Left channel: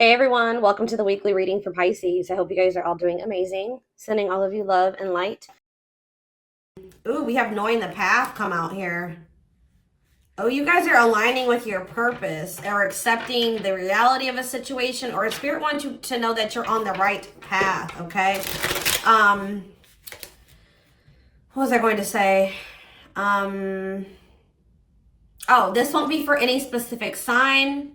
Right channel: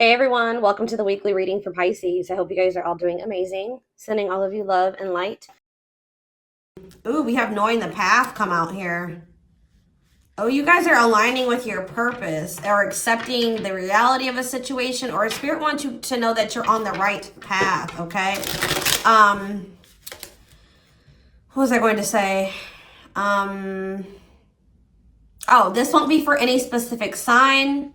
Hey everyone, welcome to the weekly reading for Pisces. I hope you guys are all doing amazing. Sending all of you love and light. Ooh, we have knowing the path come out here. Oh, you guys are aligning with your purpose or accepting the reality of a situation, or Spirit wants you to know that you're on the right path, okay? What was I going to say? Oh, this won't be for any specific sign.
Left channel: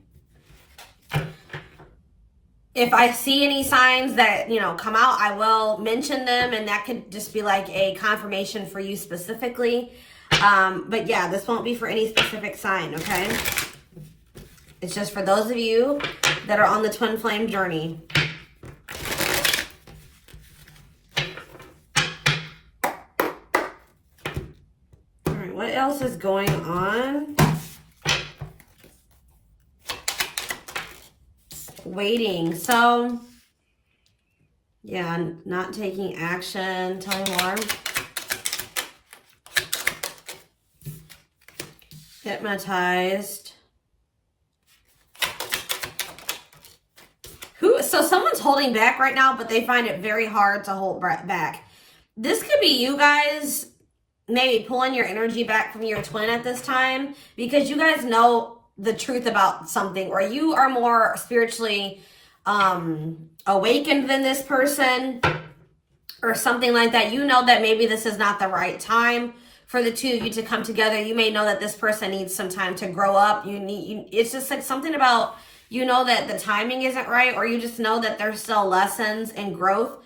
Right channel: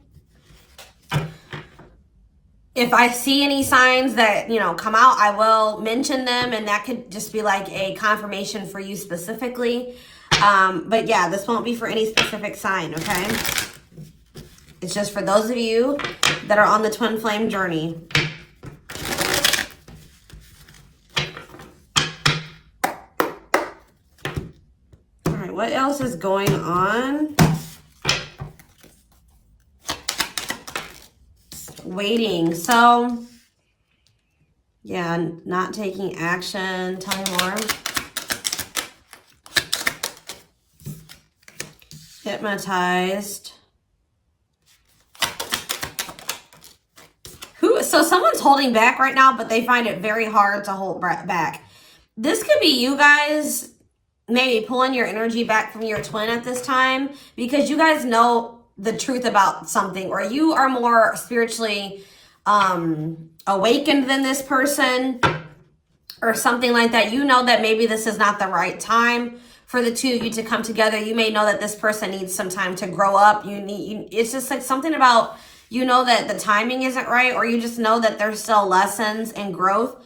If I see any signs that, come out, I will mention them, and that could just be like a confirmation for you specifically. But yeah, this won't be for any specific sign, okay? It's just for those of you that are on the twin flame journey. All right, what else is going on? Waiting. So, yeah, not taking action. Tell me more. Hypnotized. So someone's holding back right now, but they find it very hard to hold back. This could be you guys maybe pulling your energy back from your twin at this time because you guys know the truth about something, or you are more spiritually awakened than this person or something like that. You know that maybe this is not the right time for the two of you to come together. You may know that this person needs some time to grow up. It's just like something about, that the timing isn't right, or you just know that there's still lessons and growth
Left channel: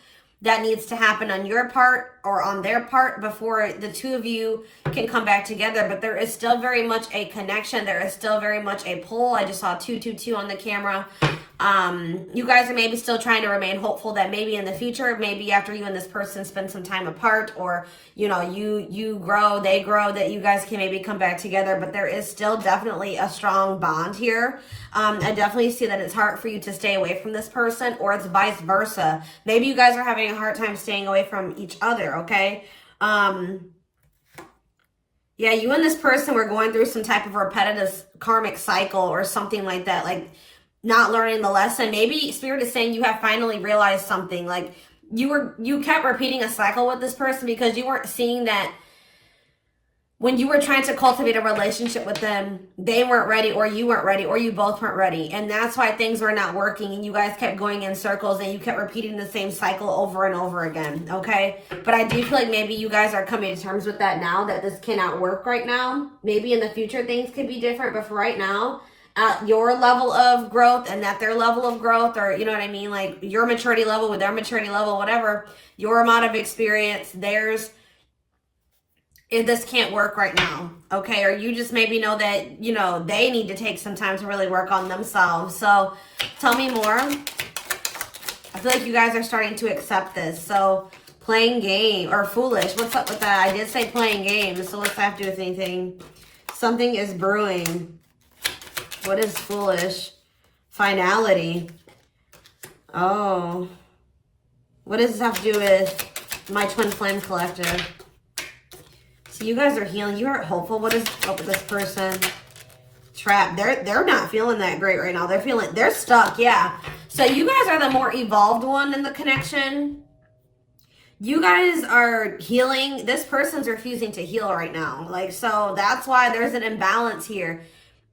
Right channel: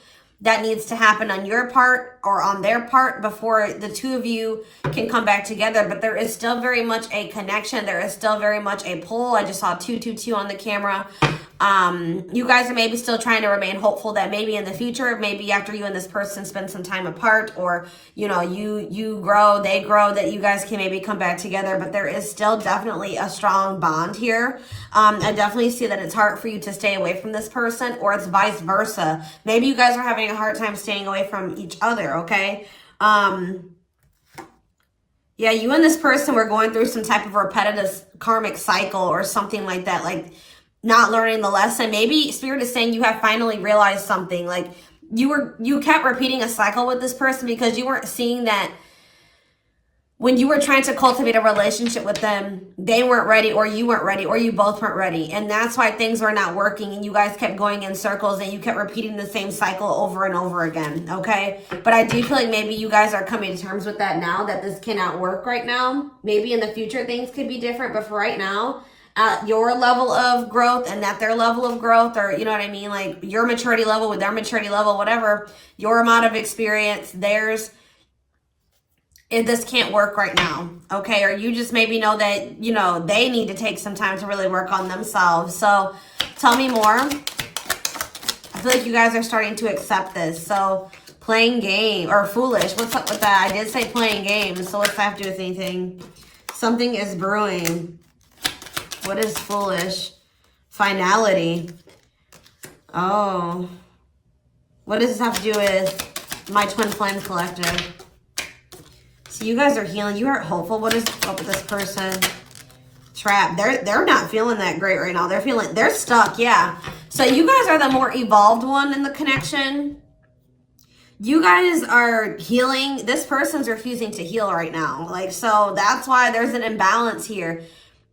that needs to happen on your part or on their part before the two of you can come back together. But there is still very much a connection. There is still very much a pull. I just saw 222 on the camera. You guys are maybe still trying to remain hopeful that maybe in the future, maybe after you and this person spend some time apart, or you grow, they grow, that you guys can maybe come back together. But there is still definitely a strong bond here. I definitely see that it's hard for you to stay away from this person, or it's vice versa. Maybe you guys are having a hard time staying away from each other, okay? Yeah, you and this person were going through some type of repetitive karmic cycle or something like that, like not learning the lesson. Maybe Spirit is saying you have finally realized something. Like you kept repeating a cycle with this person because you weren't seeing that when you were trying to cultivate a relationship with them, they weren't ready, or you weren't ready, or you both weren't ready. And that's why things were not working, and you guys kept going in circles, and you kept repeating the same cycle over and over again, okay? But I do feel like maybe you guys are coming to terms with that now, that this cannot work right now. Maybe in the future things could be different, but for right now, your level of growth and that their level of growth, or you know what I mean, like your maturity level with their maturity level, whatever, your amount of experience, theirs, this can't work right now, okay? Or you just maybe know that, they need to take some time to really work on themselves. So tell me more. I feel like you guys are starting to accept this. So playing game, or foolish, what's up with that? I did say playing games, so what's that have to do with anything? Something is brewing. What is foolish? Finality. Oh. What does this have to do with my twin flame collective? So you guys are healing. You are hopeful. What is up with this person? Trapped. They're not feeling that great right now. They're stuck, yeah. So you guys are the more evolved one in the connection. You guys are healing. This person's refusing to heal right now. So that's why there's an imbalance here.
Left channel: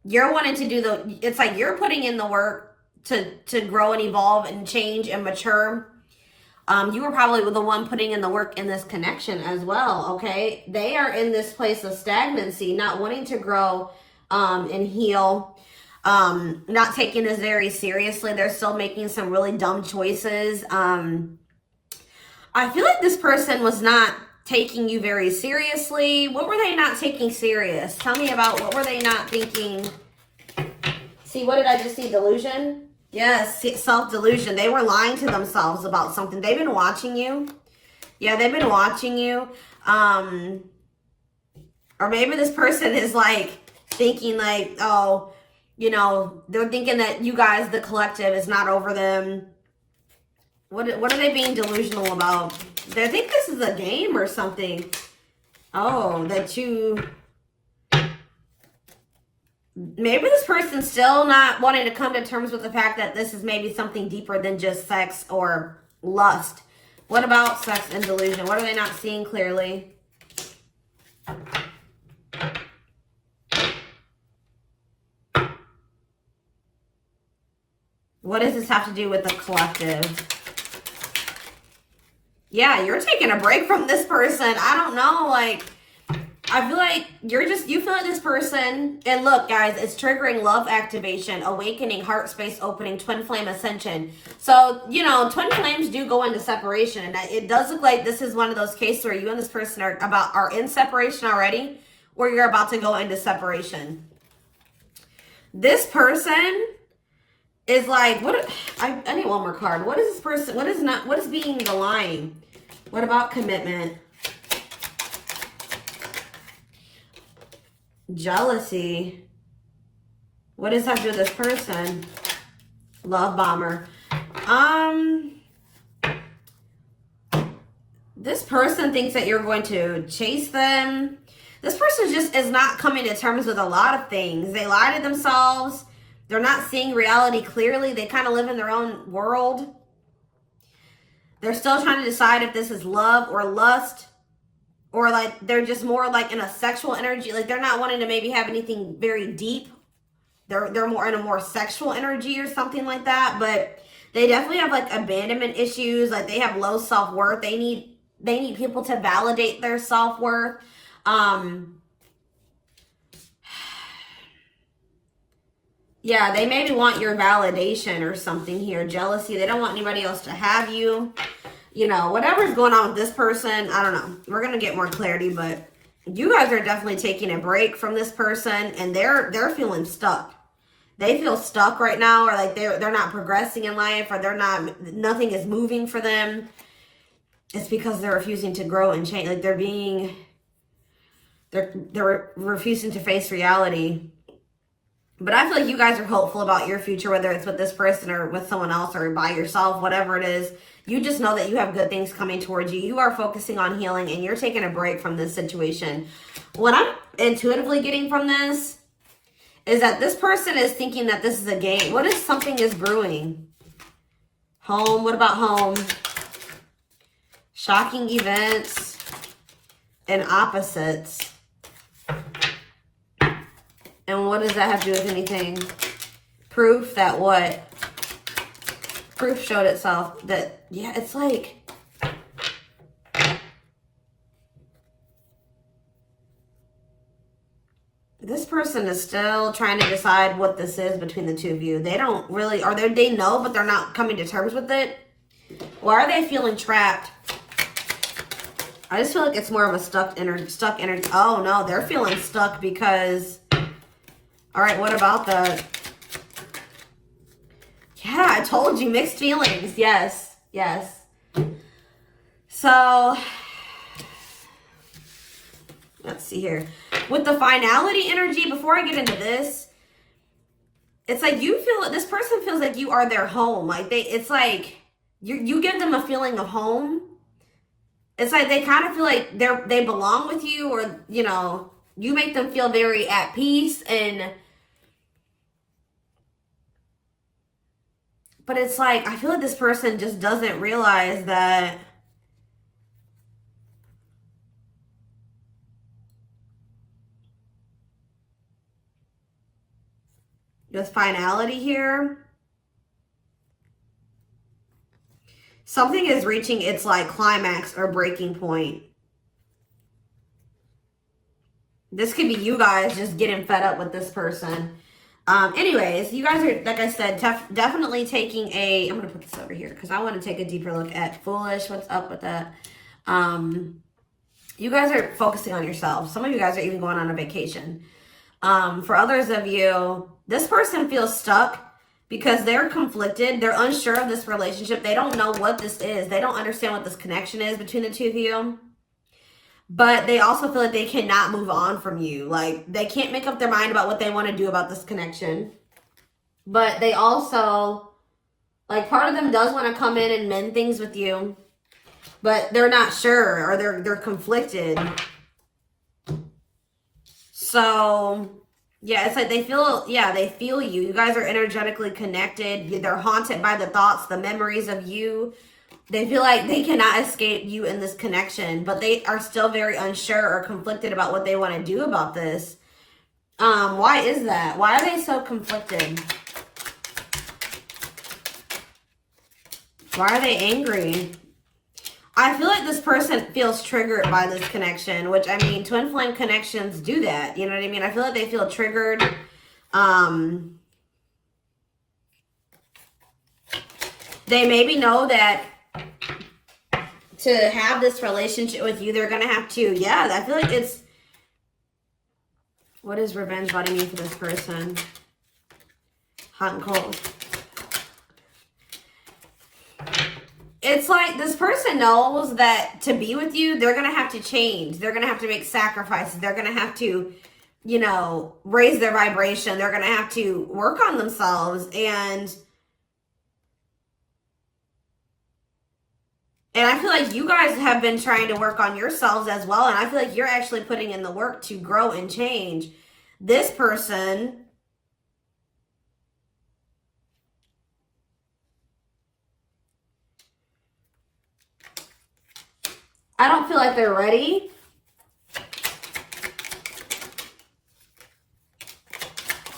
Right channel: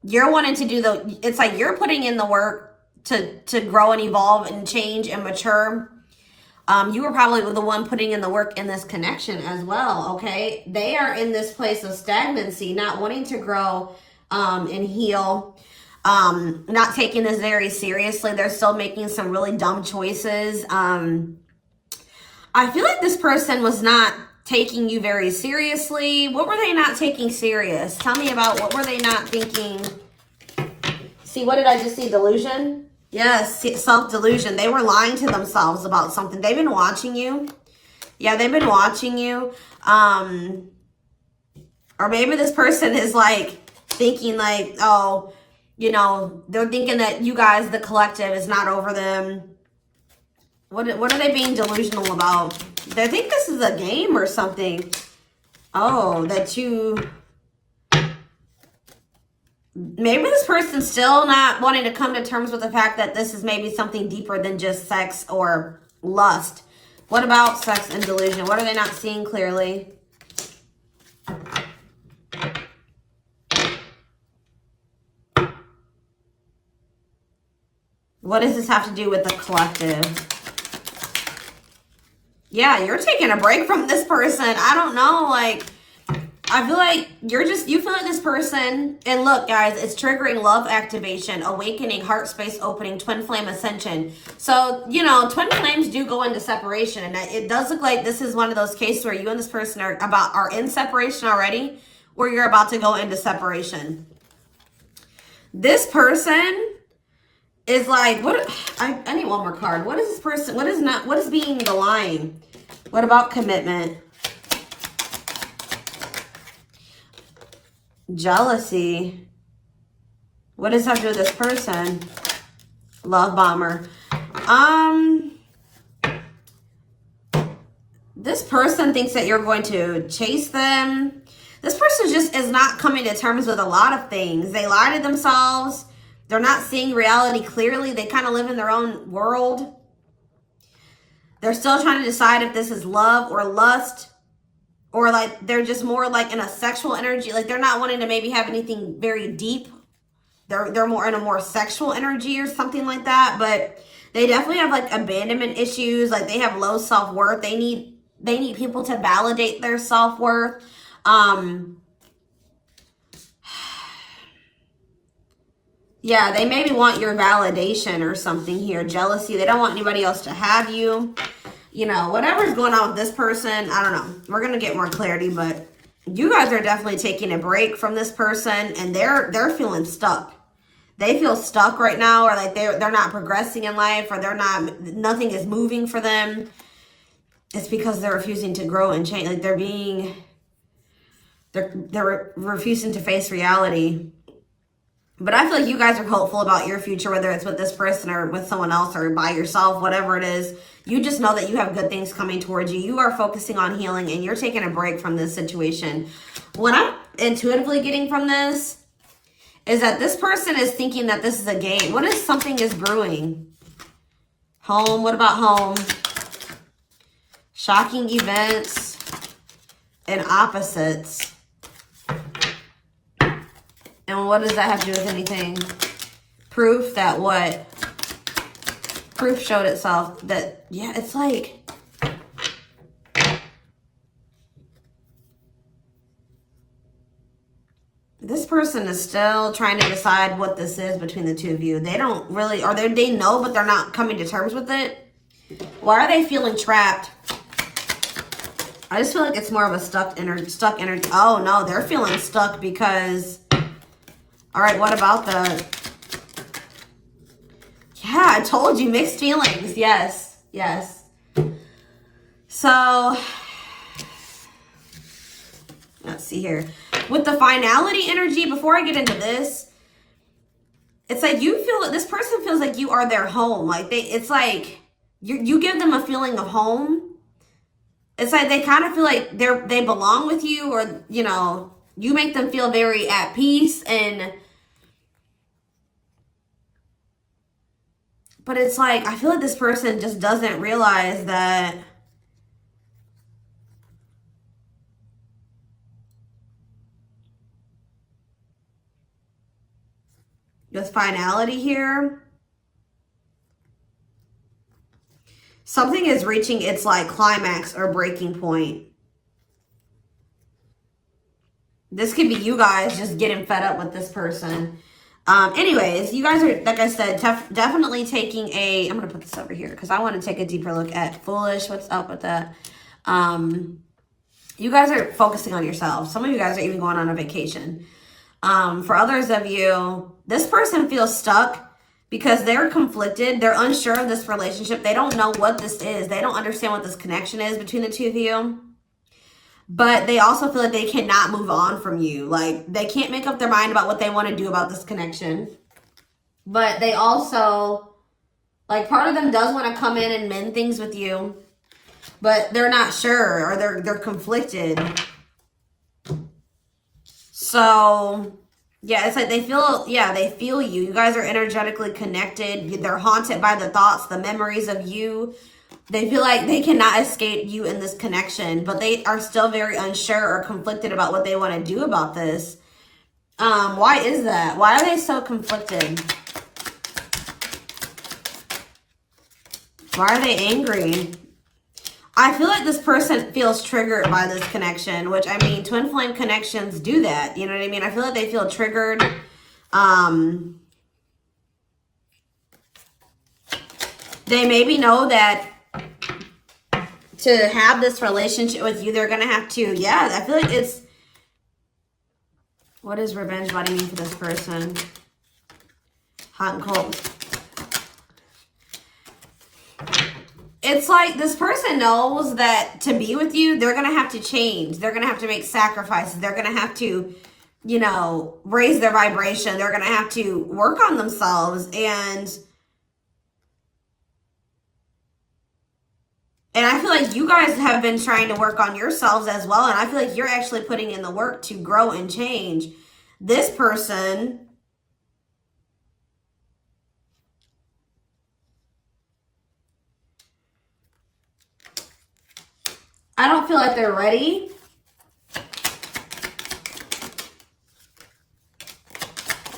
You're wanting to do it's like you're putting in the work to grow and evolve and change and mature. You were probably the one putting in the work in this connection as well, okay? They are in this place of stagnancy, not wanting to grow and heal, not taking this very seriously. They're still making some really dumb choices. I feel like this person was not taking you very seriously. What were they not taking serious? Tell me about what were they not thinking? See, what did I just see? Delusion? Yes, self-delusion. They were lying to themselves about something. They've been watching you. Yeah, they've been watching you. Or maybe this person is thinking oh, they're thinking that you guys, the collective, is not over them. What are they being delusional about? They think this is a game or something. Oh, Maybe this person's still not wanting to come to terms with the fact that this is maybe something deeper than just sex or lust. What about sex and delusion? What are they not seeing clearly? What does this have to do with the collective? Yeah, you're taking a break from this person. I don't know, like, I feel like you feel like this person, and look, guys, it's triggering love activation, awakening, heart space opening, twin flame ascension. So, you know, twin flames do go into separation, and it does look like this is one of those cases where you and this person are in separation already, or you're about to go into separation. This person is like, I need one more card. What is this person, what is being the line? What about commitment? Jealousy. What does that have to do with this person? Love bomber. This person thinks that you're going to chase them. This person just is not coming to terms with a lot of things. They lie to themselves. They're not seeing reality clearly. They kind of live in their own world. They're still trying to decide if this is love or lust, or like they're just more like in a sexual energy. Like they're not wanting to maybe have anything very deep. They're more in a more sexual energy or something like that. But they definitely have like abandonment issues. Like they have low self-worth. They need people to validate their self-worth. Yeah, they maybe want your validation or something here. Jealousy. They don't want anybody else to have you. You know, whatever's going on with this person, I don't know. We're going to get more clarity, but you guys are definitely taking a break from this person, and they're feeling stuck. They feel stuck right now, or like they're not progressing in life, or nothing is moving for them. It's because they're refusing to grow and change. Like they're refusing to face reality. But I feel like you guys are hopeful about your future, whether it's with this person or with someone else or by yourself, whatever it is. You just know that you have good things coming towards you. You are focusing on healing, and you're taking a break from this situation. What I'm intuitively getting from this is that this person is thinking that this is a game. What if something is brewing? Home. What about home? Shocking events and opposites. And what does that have to do with anything? Proof that what? Proof showed itself that, yeah, it's like, this person is still trying to decide what this is between the two of you. They don't really, or they know, but they're not coming to terms with it. Why are they feeling trapped? I just feel like it's more of a stuck energy. Oh no, they're feeling stuck because, all right, what about the, yeah, I told you, mixed feelings. Yes, yes. So, let's see here. With the finality energy, before I get into this, it's like you feel, this person feels like you are their home. Like it's like you give them a feeling of home. It's like they kind of feel like they belong with you, or, you know, you make them feel very at peace. But it's like, I feel like this person just doesn't realize that this finality here, something is reaching its like climax or breaking point. This could be you guys just getting fed up with this person. Anyways, you guys are, like I said, definitely taking I'm going to put this over here because I want to take a deeper look at foolish. What's up with that? You guys are focusing on yourself. Some of you guys are even going on a vacation. For others of you, this person feels stuck because they're conflicted. They're unsure of this relationship. They don't know what this is. They don't understand what this connection is between the two of you. But they also feel like they cannot move on from you. Like, they can't make up their mind about what they want to do about this connection. But they also, like, part of them does want to come in and mend things with you. But they're not sure, or they're conflicted. So, Yeah, it's like they feel, yeah, they feel you. You guys are energetically connected. They're haunted by the thoughts, the memories of you. They feel like they cannot escape you in this connection, but they are still very unsure or conflicted about what they want to do about this. Why is that? Why are they so conflicted? Why are they angry? I feel like this person feels triggered by this connection, which, I mean, twin flame connections do that. You know what I mean? I feel like they feel triggered. They maybe know that to have this relationship with you, they're going to have to, yeah, I feel like it's, what does revenge body mean for this person? Hot and cold. It's like this person knows that to be with you, they're going to have to change. They're going to have to make sacrifices. They're going to have to, you know, raise their vibration. They're going to have to work on themselves. And I feel like you guys have been trying to work on yourselves as well. And I feel like you're actually putting in the work to grow and change. This person, I don't feel like they're ready.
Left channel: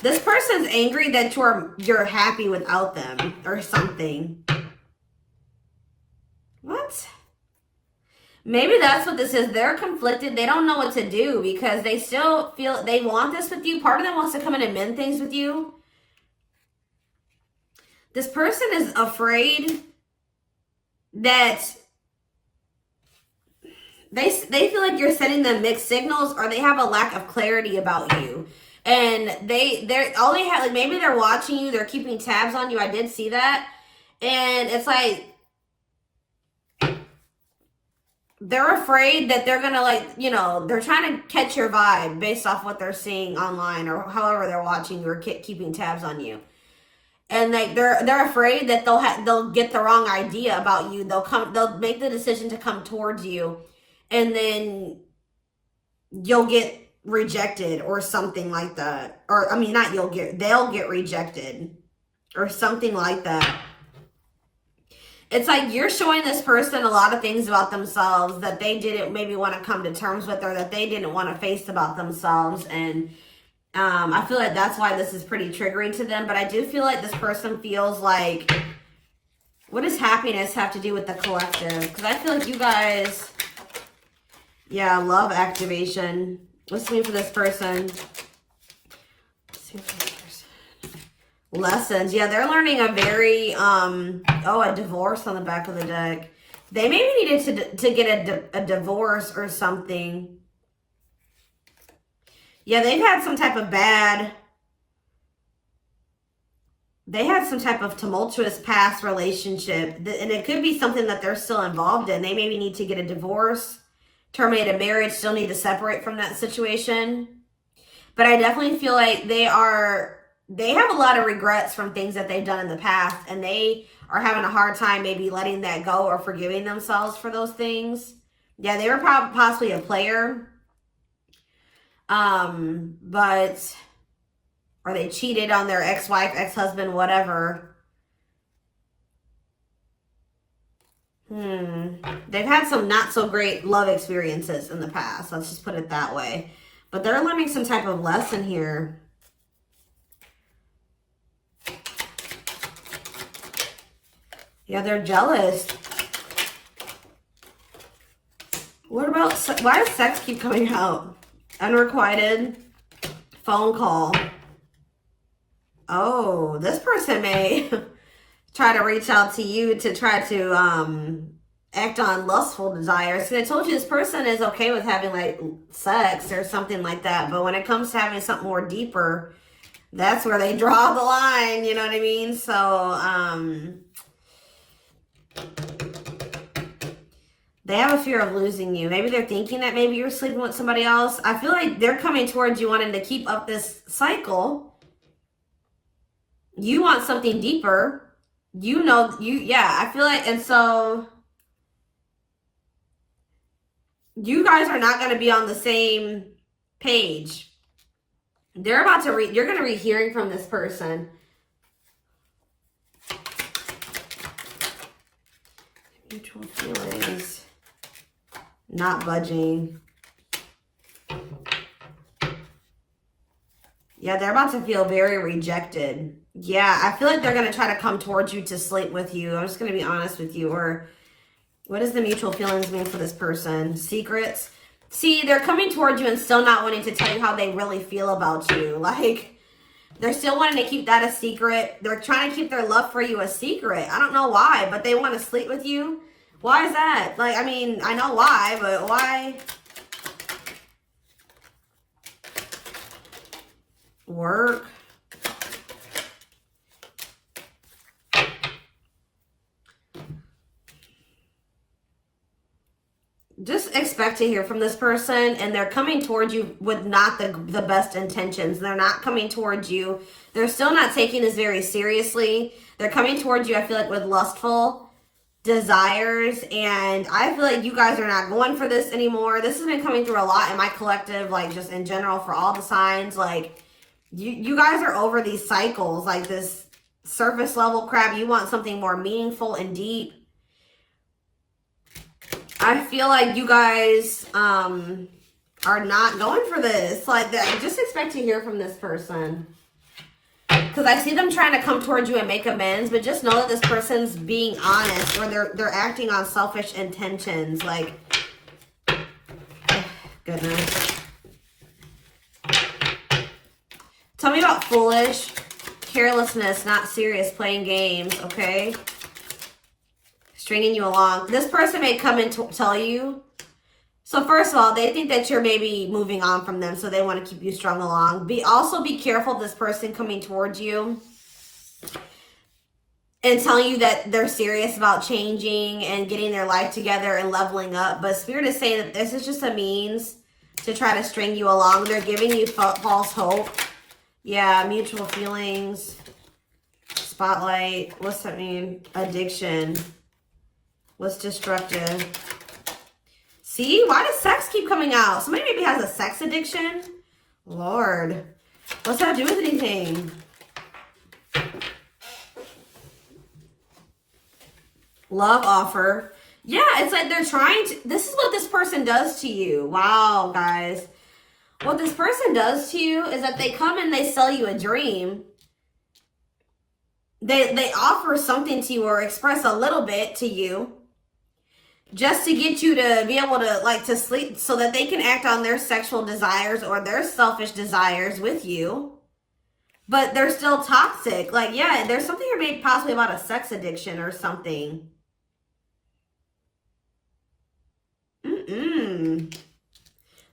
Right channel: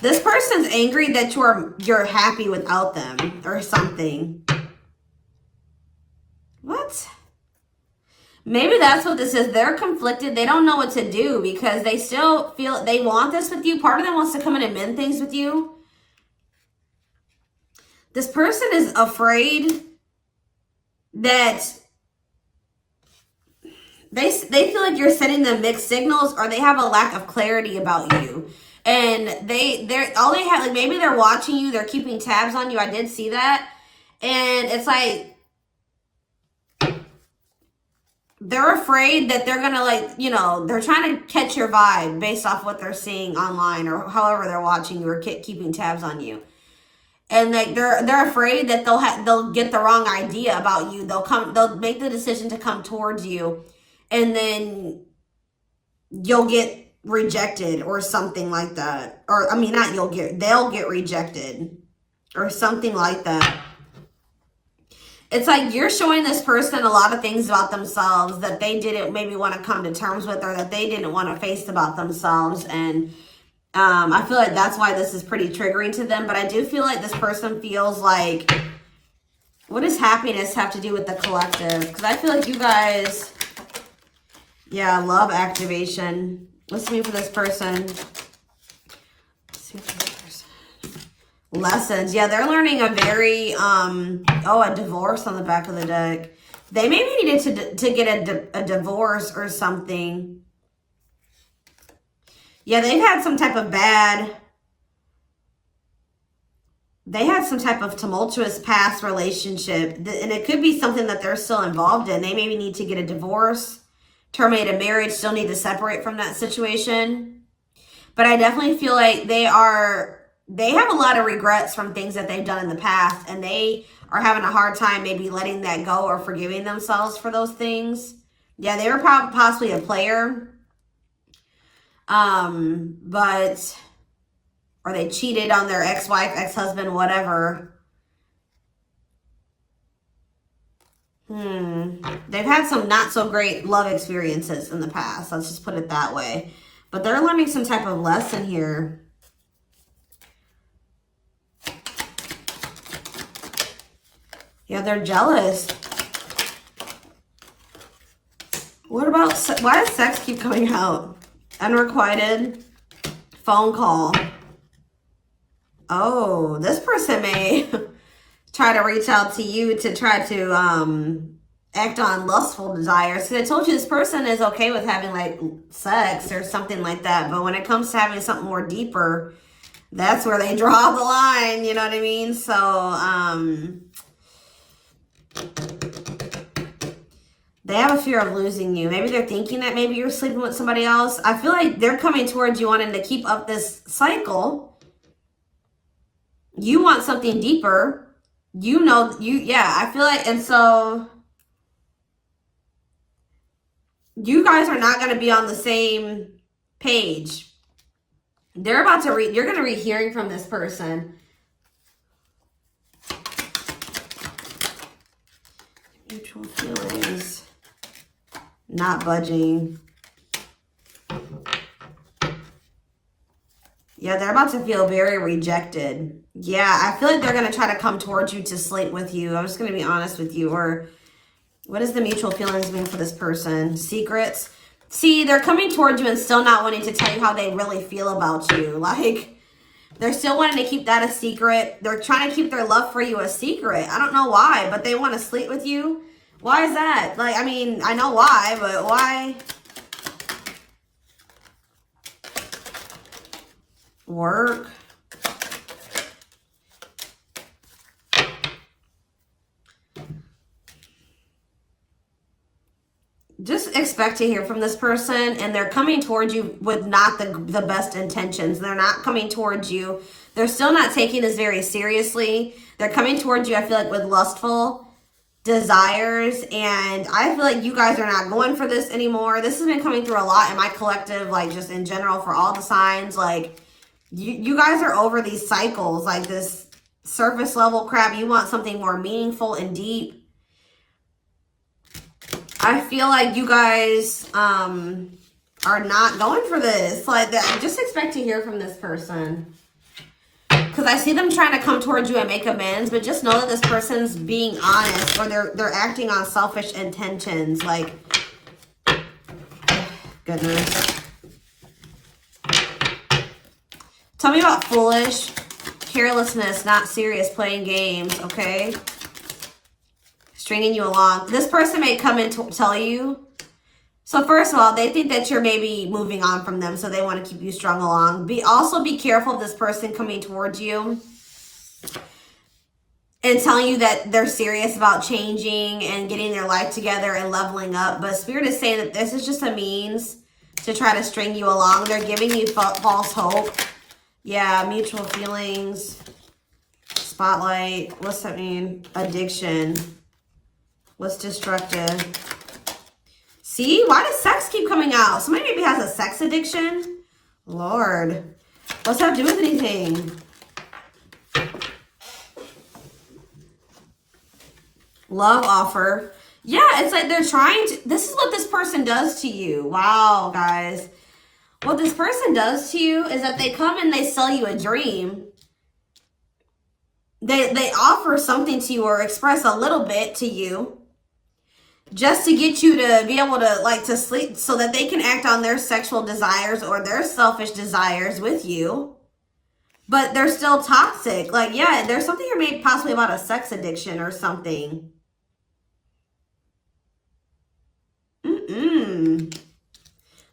This person's angry that you're happy without them or something. What? Maybe that's what this is. They're conflicted. They don't know what to do because they still feel they want this with you. Part of them wants to come in and mend things with you. This person is afraid that they feel like you're sending them mixed signals, or they have a lack of clarity about you. And they're all they have, like, maybe they're watching you, they're keeping tabs on you. I did see that. And it's like they're afraid that they're gonna, like, you know, they're trying to catch your vibe based off what they're seeing online or however they're watching you or keeping tabs on you. And like they're afraid that they'll get the wrong idea about you. They'll make the decision to come towards you, and then you'll get rejected or something like that. Or I mean, not they'll get rejected or something like that. It's like you're showing this person a lot of things about themselves that they didn't maybe want to come to terms with, or that they didn't want to face about themselves. And I feel like that's why this is pretty triggering to them. But I do feel like this person feels like, what does happiness have to do with the collective? Because I feel like you guys, yeah, love activation. Let's see for this person. Lessons. Yeah, they're learning a very, a divorce on the back of the deck. They maybe needed to get a divorce or something. Yeah, they had some type of tumultuous past relationship. And it could be something that they're still involved in. They maybe need to get a divorce, terminate a marriage, still need to separate from that situation. But I definitely feel like they have a lot of regrets from things that they've done in the past. And they are having a hard time maybe letting that go or forgiving themselves for those things. Yeah, they were possibly a player. Or they cheated on their ex-wife, ex-husband, whatever. They've had some not so great love experiences in the past. Let's just put it that way. But they're learning some type of lesson here. Yeah, they're jealous. What about, why does sex keep coming out? Unrequited phone call. Oh, this person may try to reach out to you to try to act on lustful desires. So I told you this person is okay with having like sex or something like that. But when it comes to having something more deeper, that's where they draw the line. You know what I mean? So they have a fear of losing you. Maybe they're thinking that maybe you're sleeping with somebody else. I feel like they're coming towards you wanting to keep up this cycle. You want something deeper. I feel like, and so you guys are not going to be on the same page. They're about to you're going to be hearing from this person. Mutual feelings. Not budging. Yeah, they're about to feel very rejected. Yeah, I feel like they're going to try to come towards you to sleep with you. I'm just going to be honest with you. Or what does the mutual feelings mean for this person? Secrets. See, they're coming towards you and still not wanting to tell you how they really feel about you. Like, they're still wanting to keep that a secret. They're trying to keep their love for you a secret. I don't know why, but they want to sleep with you. Why is that? Like, I mean, I know why, but why? Work. Just expect to hear from this person, and they're coming towards you with not the best intentions. They're not coming towards you. They're still not taking this very seriously. They're coming towards you, I feel like, with lustful desires, and I feel like you guys are not going for this anymore. This has been coming through a lot in my collective, like just in general for all the signs. Like you guys are over these cycles, like this surface level crap. You want something more meaningful and deep. I feel like you guys are not going for this. Like that. Just expect to hear from this person. Because I see them trying to come towards you and make amends, but just know that this person's being honest, or they're acting on selfish intentions. Like, goodness. Tell me about foolish, carelessness, not serious, playing games, okay? Stringing you along. This person may come and tell you. So first of all, they think that you're maybe moving on from them, so they want to keep you strung along. Also be careful of this person coming towards you and telling you that they're serious about changing and getting their life together and leveling up. But Spirit is saying that this is just a means to try to string you along. They're giving you false hope. Yeah, mutual feelings. Spotlight. What's that mean? Addiction. What's destructive? See, why does sex keep coming out? Somebody maybe has a sex addiction. Lord, what's that do with anything? Love offer. Yeah, it's like they're trying to, this is what this person does to you. Wow, guys. What this person does to you is that they come and they sell you a dream. They offer something to you or express a little bit to you, just to get you to be able to, like, to sleep so that they can act on their sexual desires or their selfish desires with you. But they're still toxic. Like, yeah, there's something here maybe possibly about a sex addiction or something.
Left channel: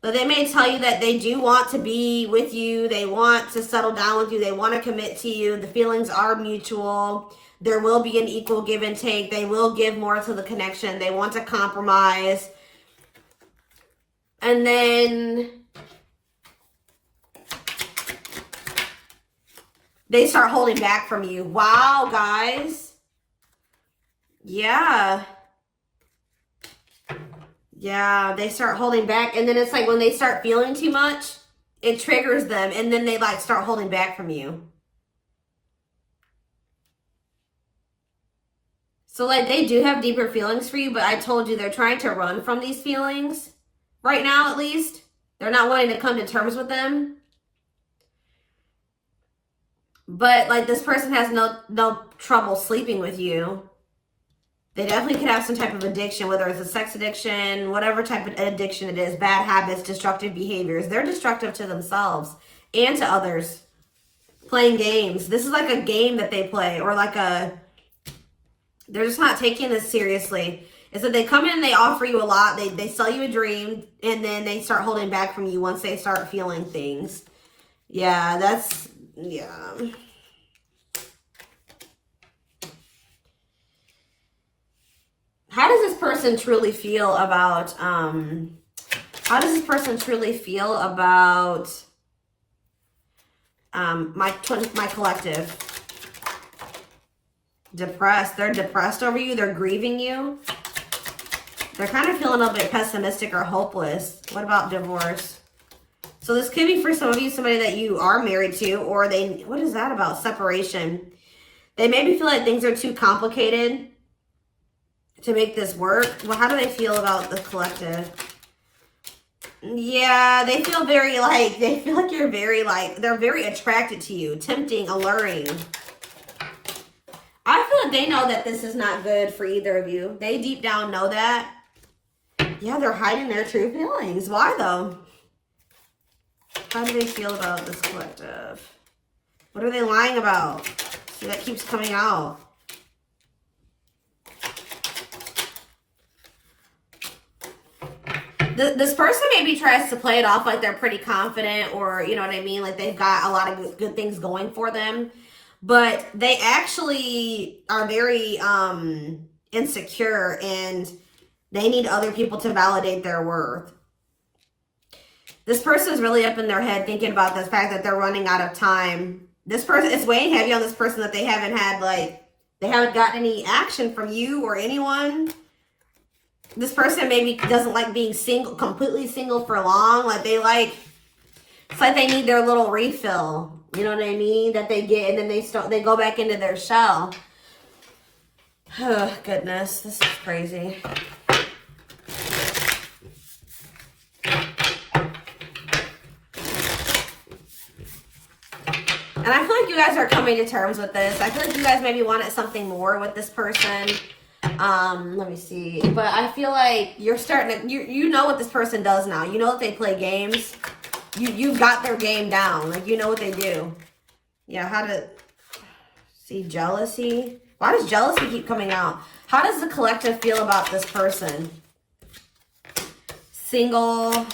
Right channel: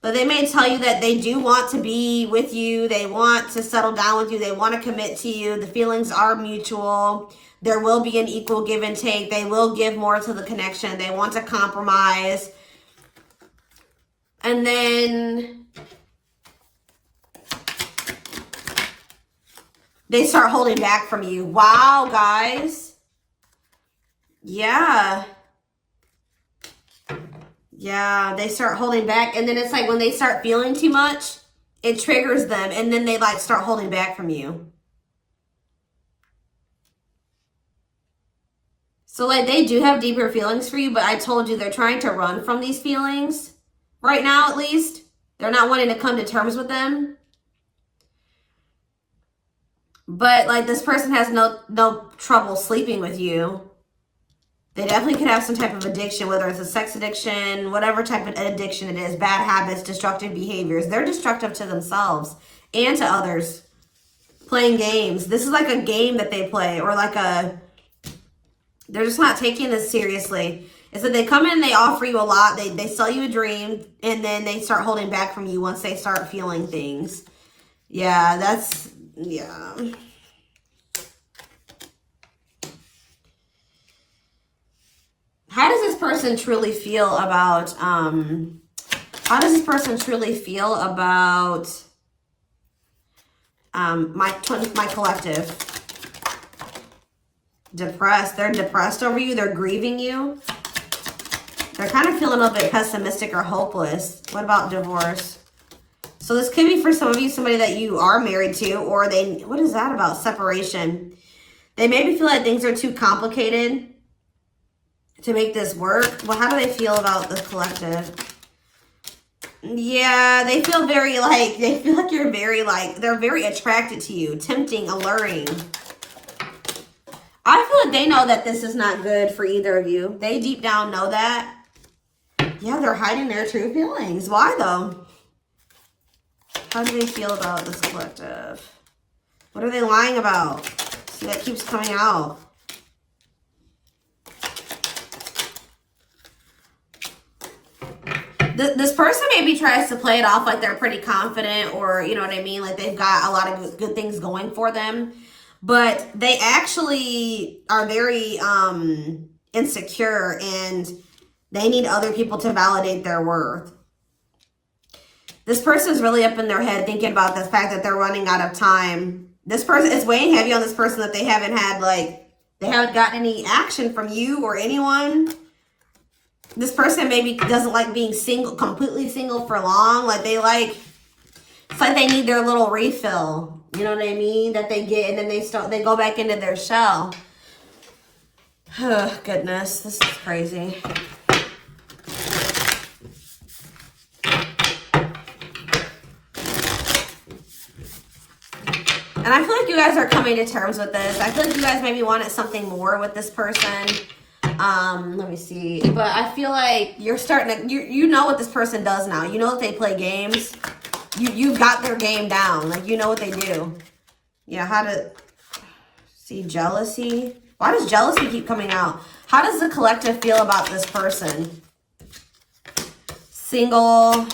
But they may tell you that they do want to be with you. They want to settle down with you. They want to commit to you. The feelings are mutual. There will be an equal give and take. They will give more to the connection. They want to compromise. And then they start holding back from you. Wow, guys. Yeah. Yeah, they start holding back. And then it's like when they start feeling too much, it triggers them. And then they like start holding back from you. So, like, they do have deeper feelings for you, but I told you they're trying to run from these feelings. Right now, at least. They're not wanting to come to terms with them. But, like, this person has no trouble sleeping with you. They definitely could have some type of addiction, whether it's a sex addiction, whatever type of addiction it is, bad habits, destructive behaviors. They're destructive to themselves and to others. Playing games. This is like a game that they play, or like a... They're just not taking this seriously. It's that they come in, they offer you a lot, they sell you a dream, and then they start holding back from you once they start feeling things. Yeah, that's, yeah. How does this person truly feel about, my collective? Depressed. They're depressed over you. They're grieving you. They're kind of feeling a little bit pessimistic or hopeless. What about divorce? So this could be for some of you, somebody that you are married to, or they, what is that about? Separation. They maybe feel like things are too complicated to make this work. Well, how do they feel about the collective? Yeah, they feel very like, they feel like you're very like, they're very attracted to you, tempting, alluring. I feel like they know that this is not good for either of you. They deep down know that. Yeah, they're hiding their true feelings. Why though? How do they feel about this collective? What are they lying about? See, that keeps coming out. This person maybe tries to play it off like they're pretty confident, or you know what I mean, like they've got a lot of good things going for them, but they actually are very insecure, and they need other people to validate their worth. This person is really up in their head thinking about the fact that they're running out of time. This person is weighing heavy on this person that they haven't had, like, they haven't gotten any action from you or anyone. This person maybe doesn't like being single, completely single for long. Like they like, it's like they need their little refill. You know what I mean? That they get, and then they go back into their shell. Oh, goodness, this is crazy. And I feel like you guys are coming to terms with this. I feel like you guys maybe wanted something more with this person. Let me see. But I feel like you're starting to, you know what this person does now. You know that they play games. You've got their game down. Like, you know what they do. Yeah, how to, see, jealousy. Why does jealousy keep coming out? How does the collective feel about this person? Single.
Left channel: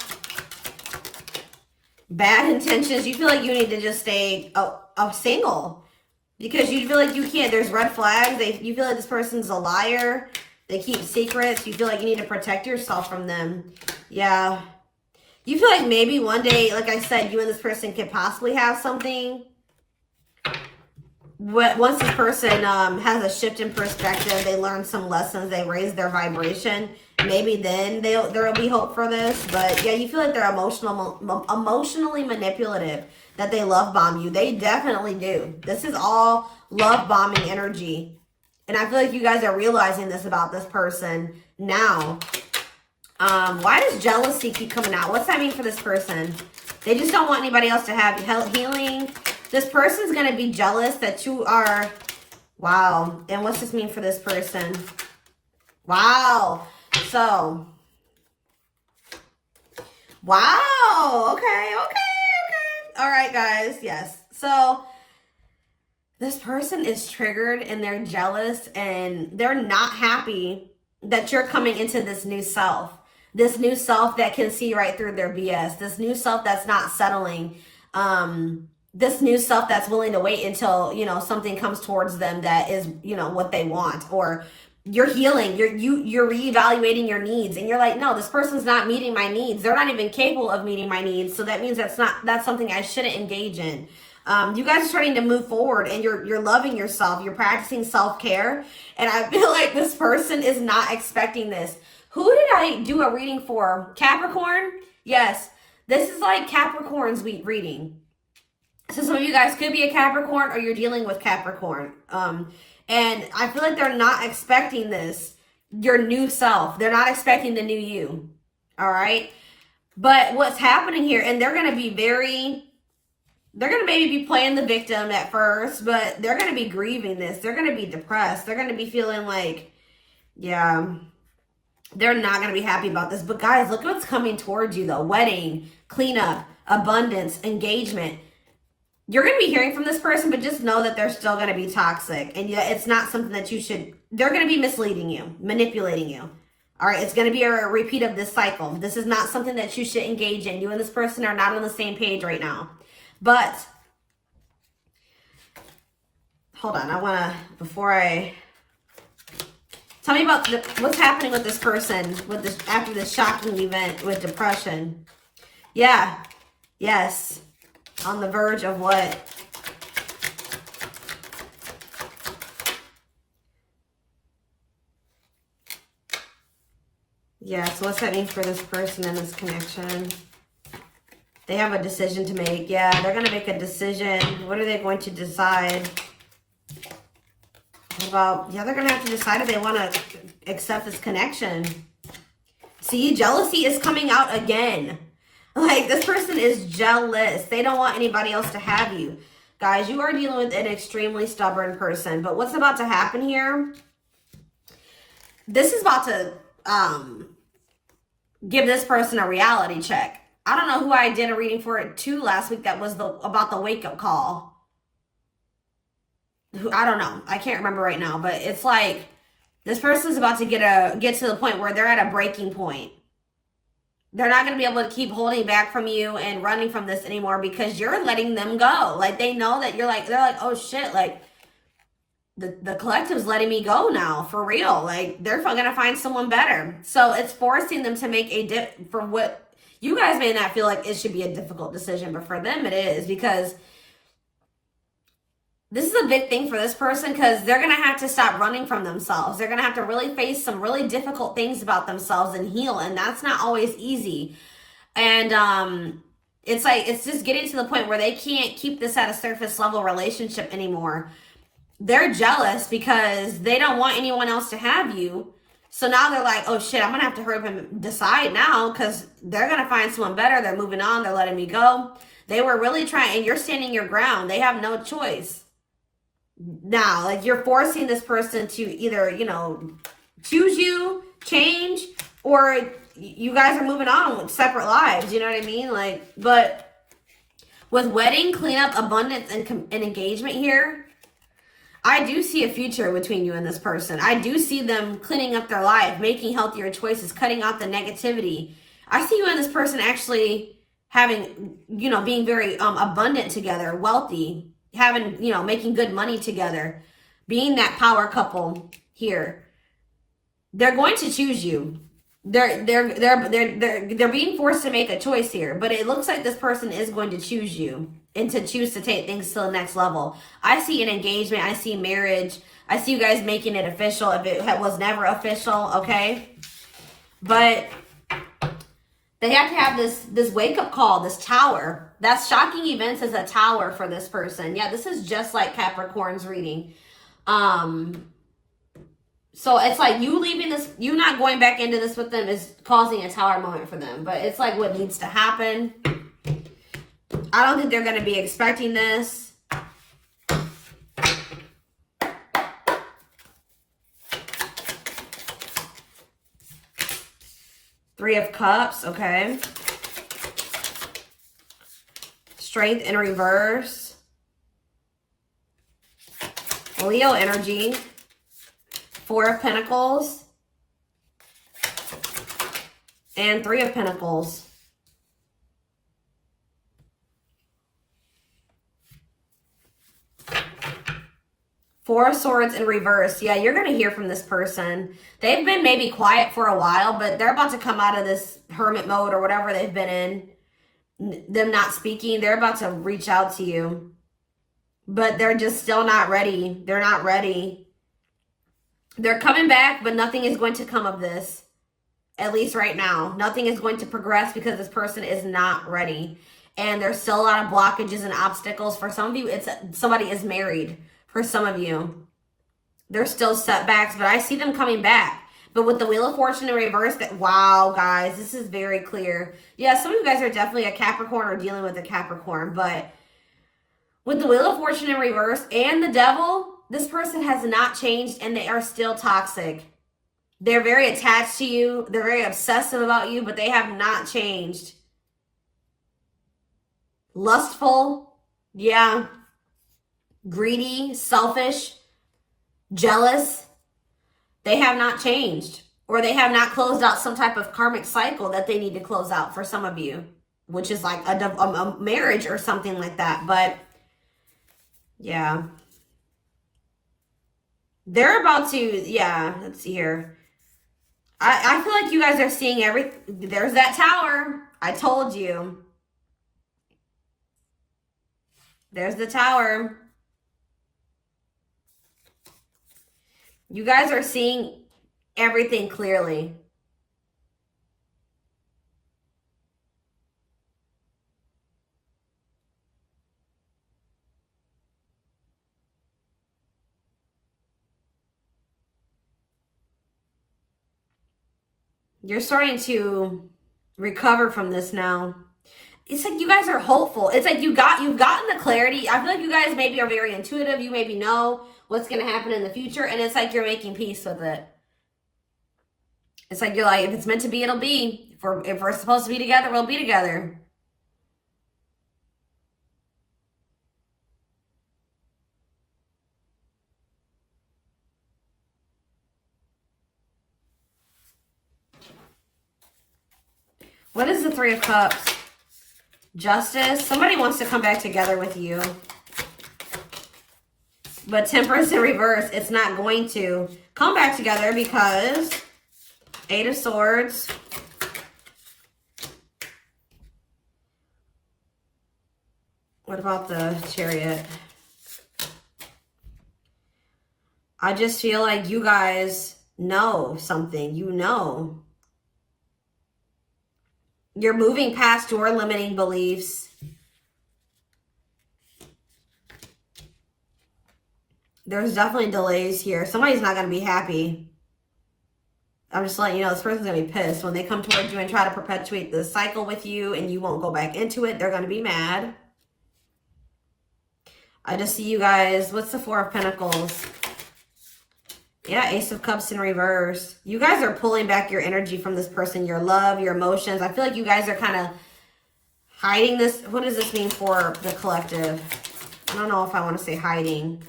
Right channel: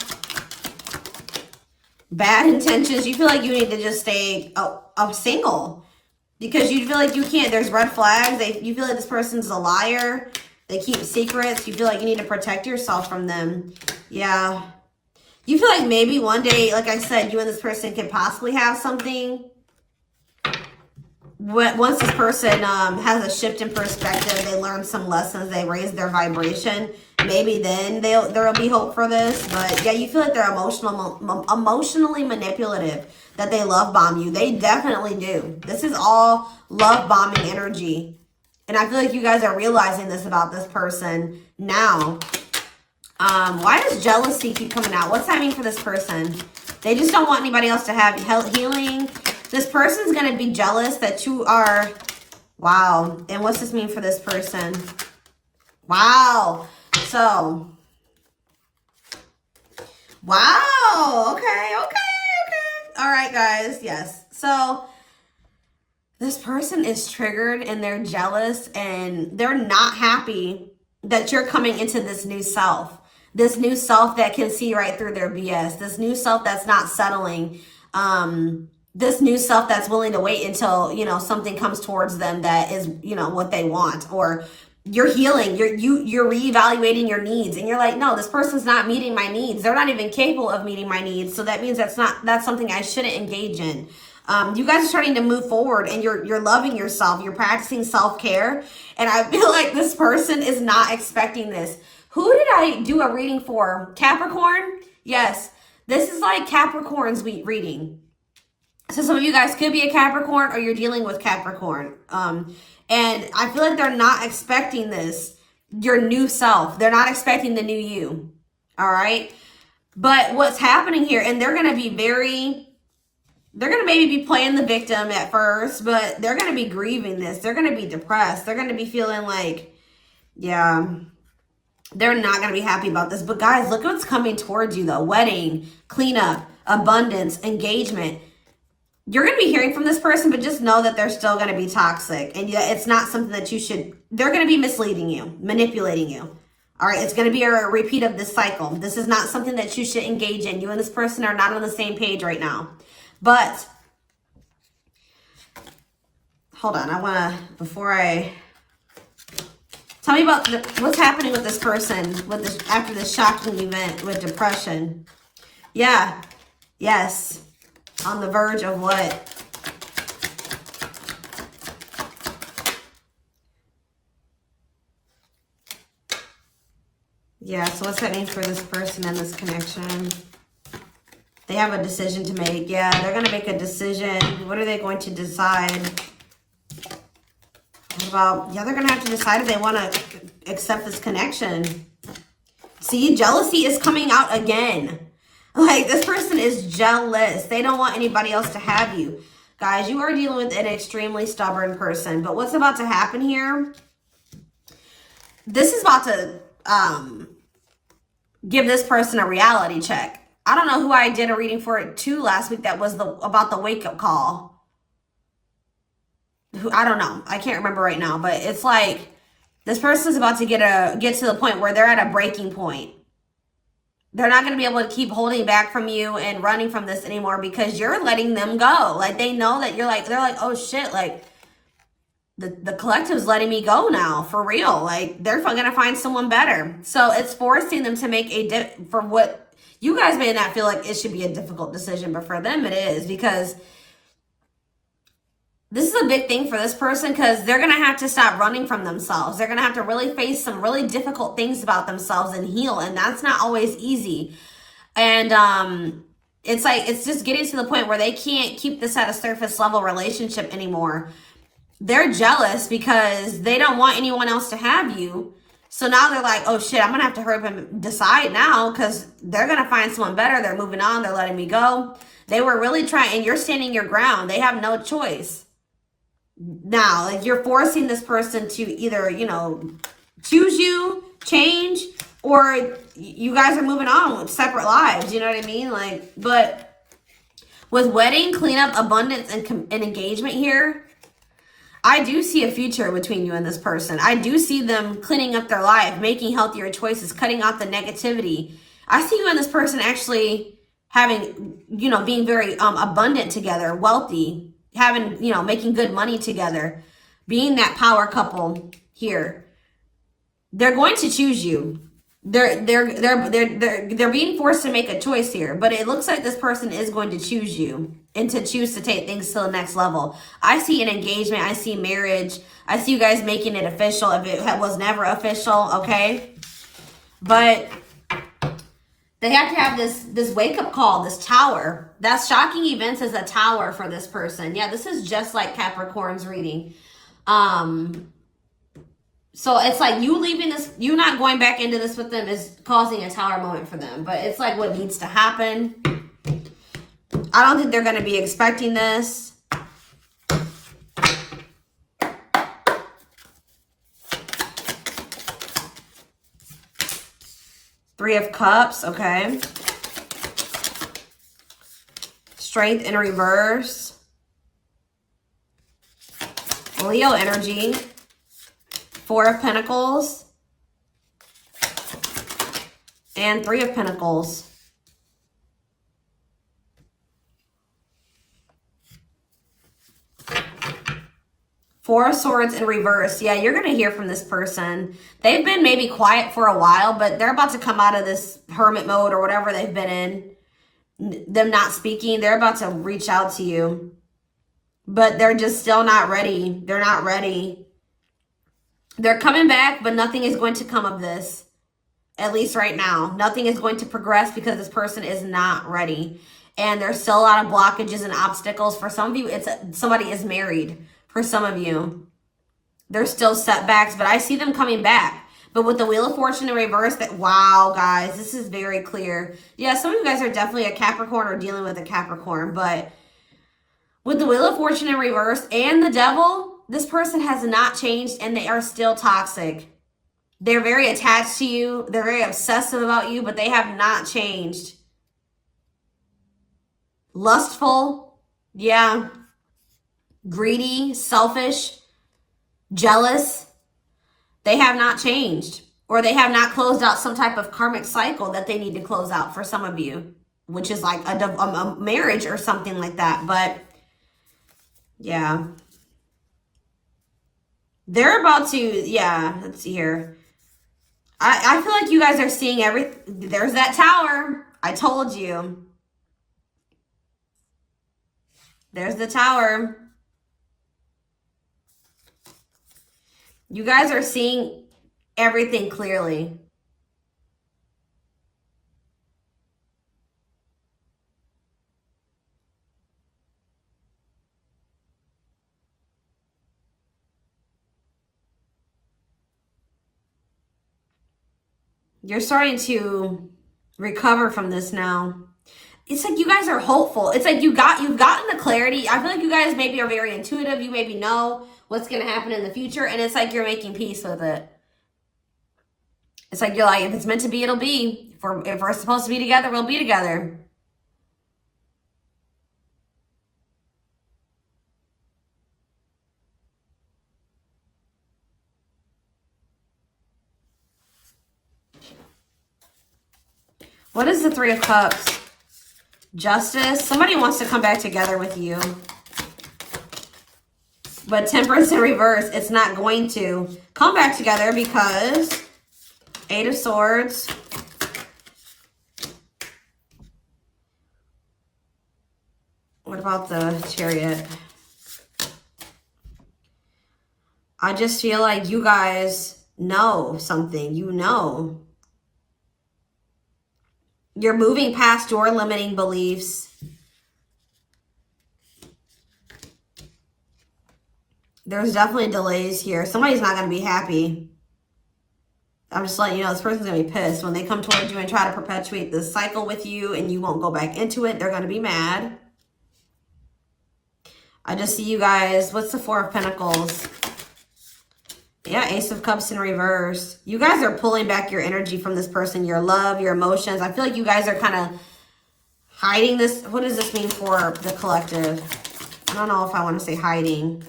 Bad intentions. You feel like you need to just stay single. Because you feel like you can't, there's red flags. You feel like this person's a liar. They keep secrets. You feel like you need to protect yourself from them. Yeah. You feel like maybe one day, like I said, you and this person could possibly have something. But once this person has a shift in perspective, they learn some lessons, they raise their vibration, maybe then there'll be hope for this. But yeah, you feel like they're emotionally manipulative, that they love bomb you. They definitely do. This is all love bombing energy. And I feel like you guys are realizing this about this person now. Why does jealousy keep coming out? What's that mean for this person? They just don't want anybody else to have healing. This person's going to be jealous that you are, wow. And what's this mean for this person? Wow. So, wow. Okay. All right, guys. Yes. So, this person is triggered and they're jealous and they're not happy that you're coming into this new self. This new self that can see right through their BS. This new self that's not settling. This new self that's willing to wait until, you know, something comes towards them that is, you know, what they want. Or you're healing, you're reevaluating your needs, and you're like, no, this person's not meeting my needs. They're not even capable of meeting my needs. So that means that's something I shouldn't engage in. You guys are starting to move forward, and you're loving yourself. You're practicing self-care. And I feel like this person is not expecting this. Who did I do a reading for? Capricorn? Yes. This is like Capricorn's reading. So some of you guys could be a Capricorn, or you're dealing with Capricorn. And I feel like they're not expecting this, your new self. They're not expecting the new you. All right. But what's happening here, and they're going to be they're going to maybe be playing the victim at first, but they're going to be grieving this. They're going to be depressed. They're going to be feeling like, yeah, they're not going to be happy about this. But guys, look what's coming towards you though. Wedding, cleanup, abundance, engagement. You're going to be hearing from this person, but just know that they're still going to be toxic. And yeah, it's not something that you should, they're going to be misleading you, manipulating you. All right, it's going to be a repeat of this cycle. This is not something that you should engage in. You and this person are not on the same page right now. But, hold on, I want to, before I, tell me about what's happening with this person after this shocking event with depression. Yeah, yes. On the verge of what? Yeah, so what's that mean for this person and this connection? They have a decision to make. Yeah, they're going to make a decision. What are they going to decide? About, yeah, they're going to have to decide if they want to accept this connection. See, jealousy is coming out again. Like, this person is jealous. They don't want anybody else to have you. Guys, you are dealing with an extremely stubborn person. But what's about to happen here? This is about to give this person a reality check. I don't know who I did a reading for it too last week that was about the wake-up call. I don't know. I can't remember right now. But it's like this person's about to get to the point where they're at a breaking point. They're not going to be able to keep holding back from you and running from this anymore because you're letting them go. Like, they know that you're like, they're like, oh shit, like, the collective's letting me go now, for real. Like, they're going to find someone better. So it's forcing them to make for what you guys may not feel like it should be a difficult decision, but for them it is, because this is a big thing for this person, because they're going to have to stop running from themselves. They're going to have to really face some really difficult things about themselves and heal. And that's not always easy. And it's like, it's just getting to the point where they can't keep this at a surface level relationship anymore. They're jealous because they don't want anyone else to have you. So now they're like, oh shit, I'm going to have to hurry up and decide now, because they're going to find someone better. They're moving on. They're letting me go. They were really trying, and you're standing your ground. They have no choice. Now, like, you're forcing this person to either, you know, choose you, change, or you guys are moving on with separate lives. You know what I mean? Like, but with wedding, cleanup, abundance, and engagement here, I do see a future between you and this person. I do see them cleaning up their life, making healthier choices, cutting out the negativity. I see you and this person actually having, you know, being very abundant together, wealthy, having, you know, making good money together, being that power couple here. They're going to choose you. They're being forced to make a choice here, but it looks like this person is going to choose you and to choose to take things to the next level. I see an engagement. I see marriage. I see you guys making it official if it was never official, okay? But they have to have this wake-up call, this tower. That's shocking events as a tower for this person. Yeah, this is just like Capricorn's reading. So it's like you leaving this, you not going back into this with them is causing a tower moment for them. But it's like what needs to happen. I don't think they're going to be expecting this. Three of Cups, okay. Strength in reverse. Leo energy. Four of Pentacles. And Three of Pentacles. Four of Swords in reverse. Yeah, you're going to hear from this person. They've been maybe quiet for a while, but they're about to come out of this hermit mode or whatever they've been in. Them not speaking. They're about to reach out to you. But they're just still not ready. They're not ready. They're coming back, but nothing is going to come of this. At least right now. Nothing is going to progress because this person is not ready. And there's still a lot of blockages and obstacles. For some of you, somebody is married. For some of you, there's still setbacks, but I see them coming back. But with the Wheel of Fortune in reverse, wow, guys, this is very clear. Yeah, some of you guys are definitely a Capricorn or dealing with a Capricorn, but with the Wheel of Fortune in reverse and the Devil, this person has not changed and they are still toxic. They're very attached to you. They're very obsessive about you, but they have not changed. Lustful, yeah. Greedy, selfish, jealous. They have not changed, or they have not closed out some type of karmic cycle that they need to close out for some of you, which is like a marriage or something like that. But yeah, they're about to, yeah, let's see here. I feel like you guys are seeing everything. There's that tower. I told you. There's the tower. You guys are seeing everything clearly. You're starting to recover from this now. It's like you guys are hopeful. It's like you've gotten the clarity. I feel like you guys maybe are very intuitive. You maybe know what's going to happen in the future. And it's like you're making peace with it. It's like you're like, if it's meant to be, it'll be. If we're supposed to be together, we'll be together. What is the Three of Cups? Justice. Somebody wants to come back together with you. But Temperance in reverse, it's not going to come back together because Eight of Swords. What about the Chariot? I just feel like you guys know something. You know. You're moving past your limiting beliefs. There's definitely delays here. Somebody's not going to be happy. I'm just letting you know this person's going to be pissed. When they come towards you and try to perpetuate this cycle with you and you won't go back into it, they're going to be mad. I just see you guys. What's the Four of Pentacles? Yeah, Ace of Cups in reverse. You guys are pulling back your energy from this person, your love, your emotions. I feel like you guys are kind of hiding this. What does this mean for the collective? I don't know if I want to say hiding.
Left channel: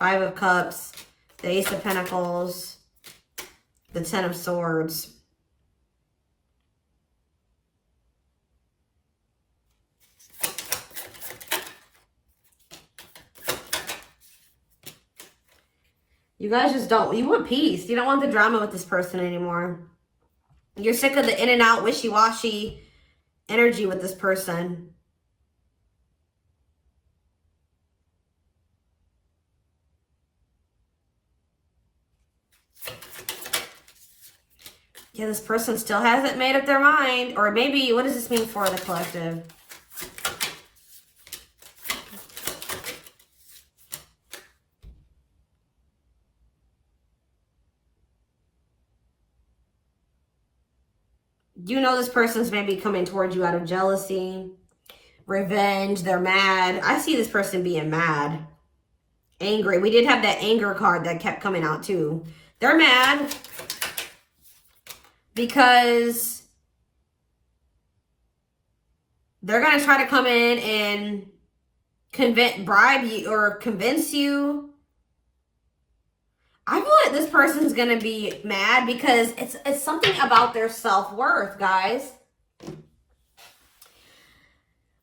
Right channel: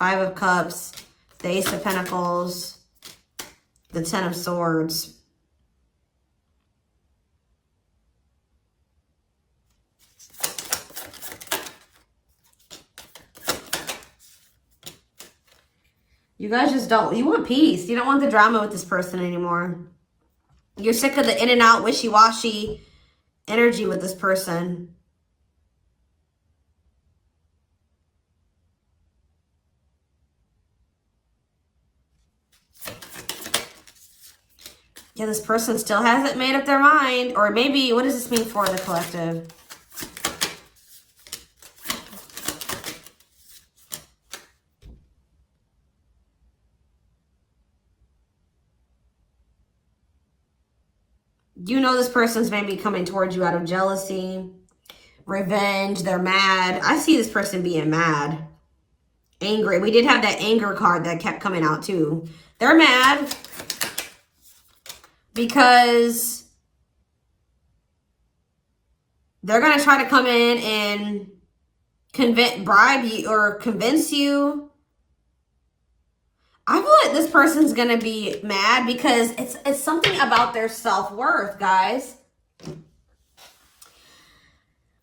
Five of Cups, the Ace of Pentacles, the Ten of Swords. You guys just don't, you want peace. You don't want the drama with this person anymore. You're sick of the in and out, wishy-washy energy with this person. Yeah, this person still hasn't made up their mind. Or maybe, what does this mean for the collective? You know this person's maybe coming towards you out of jealousy, revenge, they're mad. I see this person being mad, angry. We did have that anger card that kept coming out too. They're mad because they're going to try to come in and bribe you or convince you. I feel like this person's going to be mad because it's something about their self-worth, guys.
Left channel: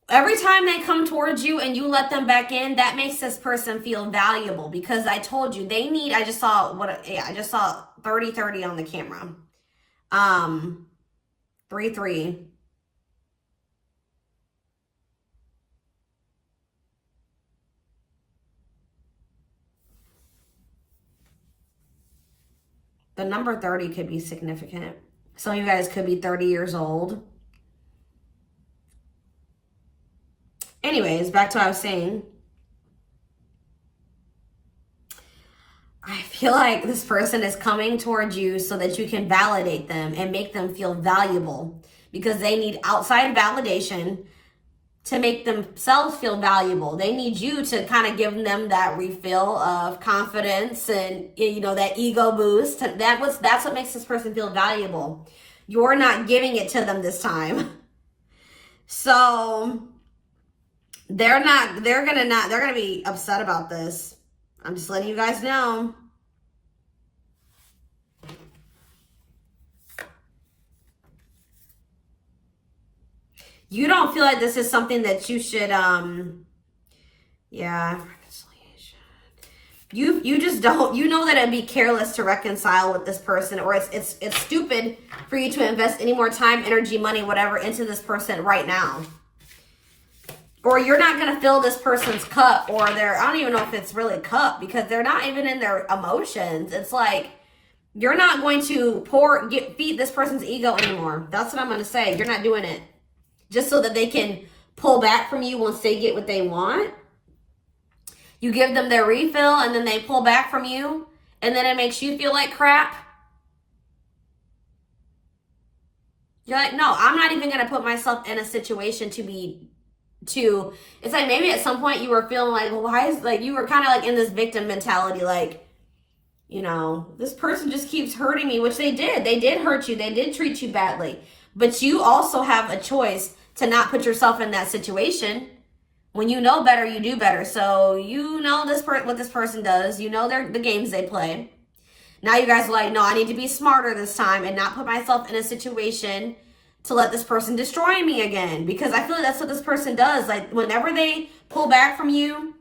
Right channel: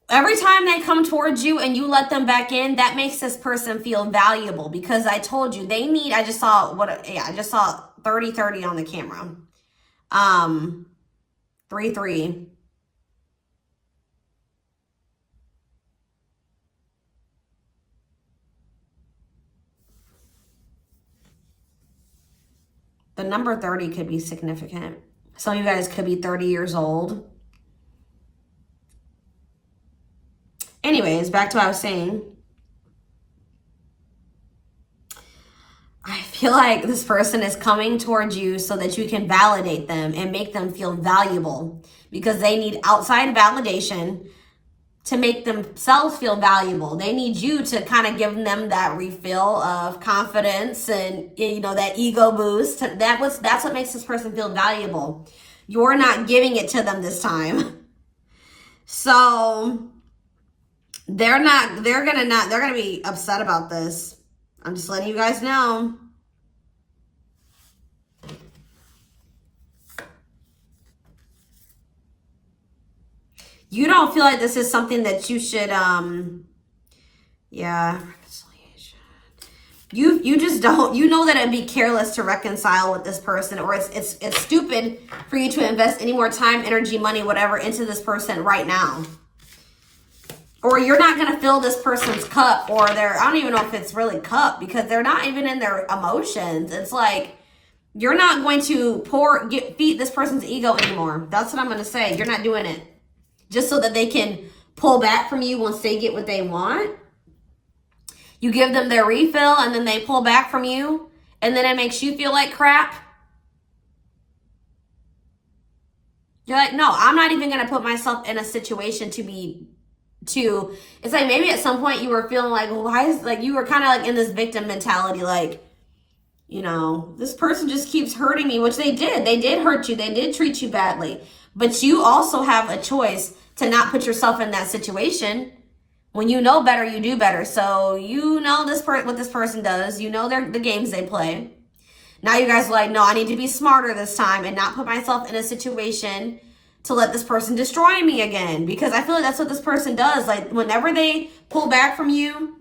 Every time they come towards you and you let them back in, that makes this person feel valuable because I told you they need, I just saw 30-30 on the camera. 3-3. The number 30 could be significant. Some of you guys could be 30 years old. Anyways, back to what I was saying. I feel like this person is coming towards you so that you can validate them and make them feel valuable because they need outside validation to make themselves feel valuable. They need you to kind of give them that refill of confidence and, you know, that ego boost. That's what makes this person feel valuable. You're not giving it to them this time. So they're gonna be upset about this. I'm just letting you guys know. You don't feel like this is something that you should, yeah. You just don't, you know that it'd be careless to reconcile with this person, or it's stupid for you to invest any more time, energy, money, whatever, into this person right now. Or you're not going to fill this person's cup, or I don't even know if it's really cup, because they're not even in their emotions. It's like, you're not going to feed this person's ego anymore. That's what I'm going to say. You're not doing it. Just so that they can pull back from you once they get what they want. You give them their refill and then they pull back from you. And then it makes you feel like crap. You're like, no, I'm not even gonna put myself in a situation to it's like maybe at some point you were feeling like, well, why is, like, you were kind of like in this victim mentality, like, you know, this person just keeps hurting me, which they did hurt you, they did treat you badly, but you also have a choice to not put yourself in that situation. When you know better, you do better. So you know what this person does, you know the games they play. Now you guys are like, no, I need to be smarter this time and not put myself in a situation to let this person destroy me again. Because I feel like that's what this person does. Like, whenever they pull back from you,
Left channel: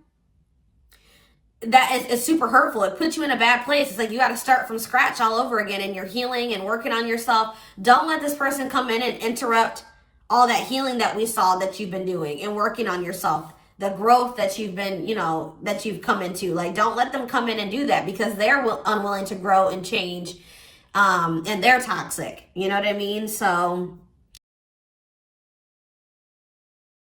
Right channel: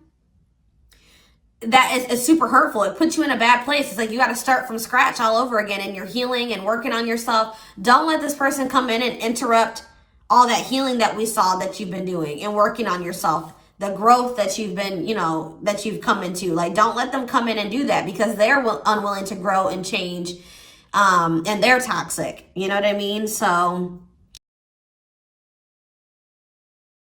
that is super hurtful. It puts you in a bad place. It's like you got to start from scratch all over again, and you're healing and working on yourself. Don't let this person come in and interrupt all that healing that we saw that you've been doing and working on yourself. The growth that you've been, you know, that you've come into. Like, don't let them come in and do that, because they're unwilling to grow and change, and they're toxic. You know what I mean? So